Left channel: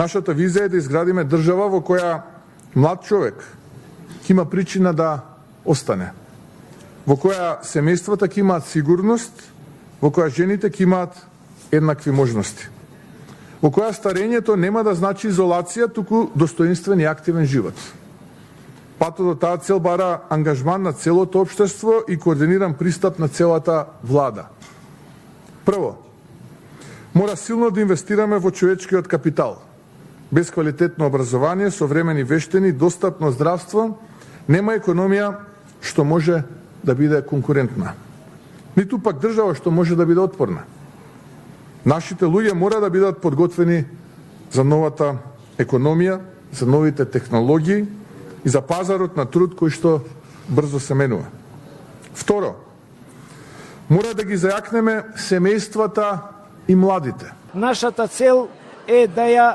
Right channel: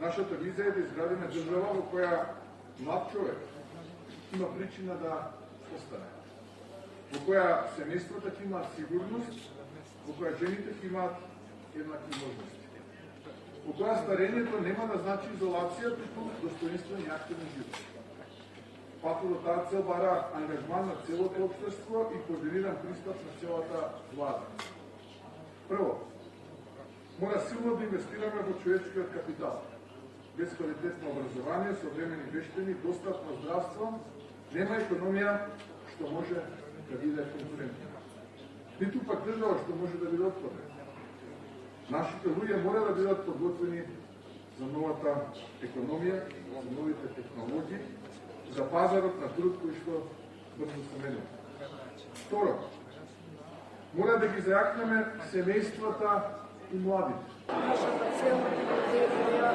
Нашата визија е да изградиме држава во која млад човек ќе има причина да остане, во која семејствата ќе имаат сигурност, во која жените ќе имаат еднакви можности, во која старењето нема да значи изолација, туку достоинствен и активен живот. Патот до таа цел бара ангажман на целото општество и координиран пристап на целата влада. Прво, мора силно да инвестираме во човечкиот капитал. Без квалитетно образование, современи вештини, достапно здравство, нема економија што може да биде конкурентна. Ниту пак држава што може да биде отпорна. Нашите луѓе мора да бидат подготвени за новата економија, за новите технологии и за пазарот на труд кој што брзо се менува. Второ, мора да ги зајакнеме семејствата и младите. Нашата цел е да ја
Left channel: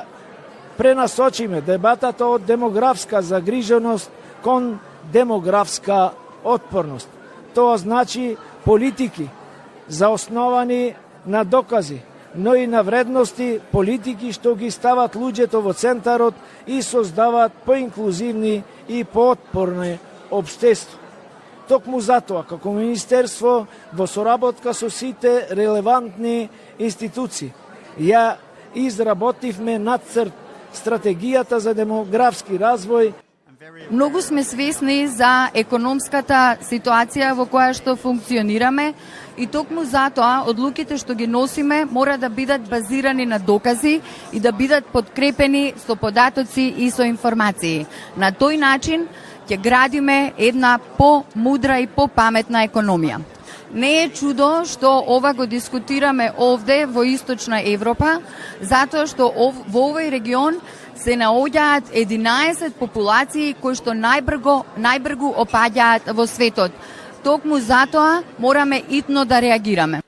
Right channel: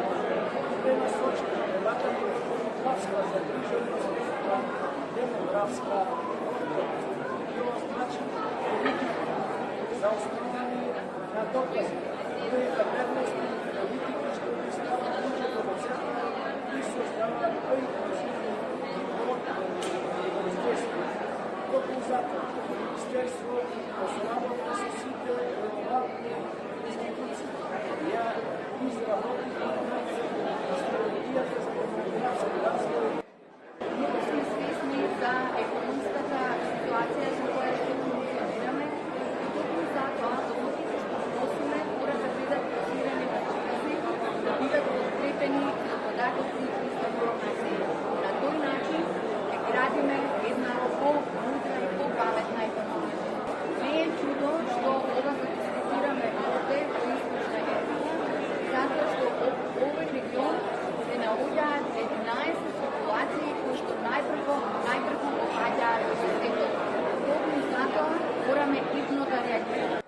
пренасочиме дебатата од демографска загриженост кон демографска отпорност. Тоа значи политики заосновани на докази, но и на вредности, политики што ги стават луѓето во центарот и создаваат поинклузивни и поотпорни општества. Токму затоа, како Министерство, во соработка со сите релевантни институции, ја изработивме нацрт стратегијата за демографски развој. Многу сме свесни за економската ситуација во која што функционираме и токму затоа одлуките што ги носиме мора да бидат базирани на докази и да бидат подкрепени со податоци и со информации. На тој начин ќе градиме една по-мудра и по-паметна економија. Не е чудо што ова го дискутираме овде во Источна Европа, затоа што во овој регион се наоѓаат 11 популации кои што најбргу опаѓаат во светот. Токму затоа мораме итно да реагираме.